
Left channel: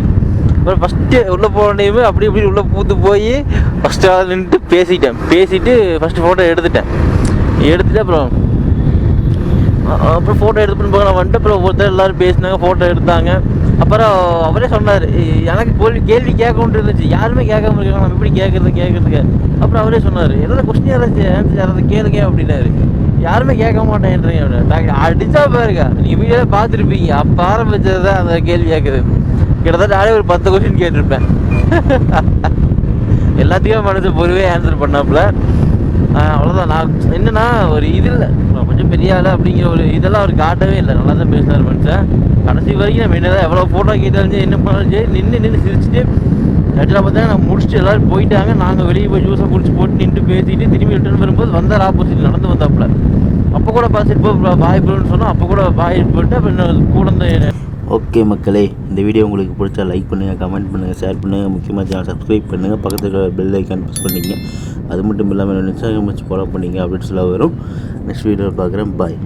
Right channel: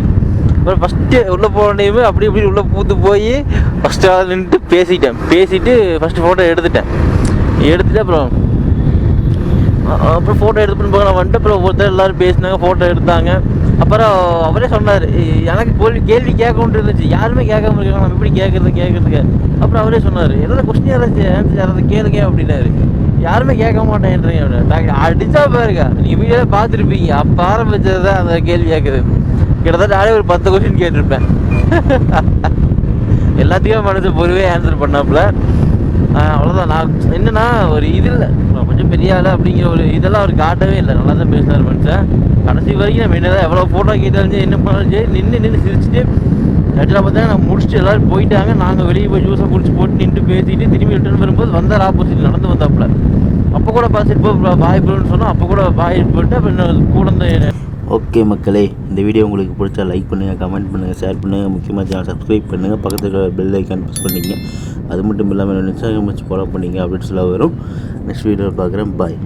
அப்புறம் ஃபஸ்ட்டு உள்ளே போனேயுமே அப்படி இப்படி உள்ளே பூத்து போய் ஃபஸ்ட்டு ஆள் நின்றுட்டு பேசிட்டேன். பேசிட்டு ஃபஸ்ட்டு ஃபோட்டோ எடுத்துட்டேன். எடுத்துட்டு அப்புறம் அப்புறம் ஃபோட்டோ எடுத்து போக நான் வந்துட்டு அப்புறம் ஒருத்தர் எல்லாரும் பேசினாங்க ஃபோட்டோ எடுத்தாங்க. அப்புறம் அவரே சொன்னார் எனக்கு கேள்வி கேள்வி கேட்கணுன்ட்டு இருந்துச்சு. யாருமே கேட்காம இருக்காங்க. நம்ம எப்படி கேட்குறது கேட்குறதுக்கு? அப்புறம் அவரே சொன்னார் ஏதாவது கொஸ்டின் யாராச்சும் ஆன்சர் யாராவது கேளுங்க அப்படின்னாரு. யாருமே கேட்க மாட்டேன்றீங்க டாக்டர் அடித்தா அடிச்சா பாருங்க. நீங்கள் வீடியோ பார்த்துருப்பீங்க. அப்போ ஆரம்பித்தது தான் அந்த கேள்வி கேட்குது கிட்டத்தட்ட நானே ஒரு பத்து கொஸ்டின் கேட்டிருப்பேன். எல்லாத்தையும் மனசு பொறுவே ஆன்சர் பண்ணாப்புல. அவ்வளோதான் நான் என்னன்னா ஒரு இது இல்லை. கொஞ்சம் பெரிய ஆள் அப்படிங்கிற ஒரு இதெல்லாம் அவர் காட்டவே இல்லை. நல்லா தான் பேசினார் மனுஷன். கடைசி வரைக்கும் நம்ம என்னதான் எவ்வளோ ஃபோட்டோ கேட்டாலும் சரி என்ன பண்ணாலும் சரி நின்று நின்று சிரிச்சுட்டு ஆக்சுவலாக பார்த்தீங்கன்னா நான் முடிச்சுட்டு எல்லோரும் போயிட்டாங்க. நாங்கள் வெளியே போய் ஜூஸை குடிச்சு போட்டு நின்று பேசிட்டு திரும்பி ரிட்டர்ன் வரும்போது வந்தார் ஆப்போசிட் நடந்து வந்தாப்புல. அப்போ கூட பார்த்துட்டு போய் பாய் ப்ரோன்னு சொன்னால் அப்போ கூட பாய் போட்டு அப்புறம் இன்னும் கூட இந்த ஓகே மக்களே இந்த வீடியோ உங்களுக்கு பிடிச்சா லைக் பண்ணுங்கள் கமெண்ட் பண்ணுங்கள் ஷேர் பண்ணுங்கள் முக்கியமாக சேனல் சப்ஸ்கிரைப் பண்ணுங்கள் பக்கத்தில் இருக்கிற பெல் ஐக்கான் ப்ரெஸ் பண்ணிங்க அது மட்டும் இல்லாமல் இன்ஸ்டாகிராம் வச்சு ஃபாலோ பண்ணிங்க அப்படின்னு வரும். நெக்ஸ்ட் வீடியோவில் பார்க்குறேன். பாய்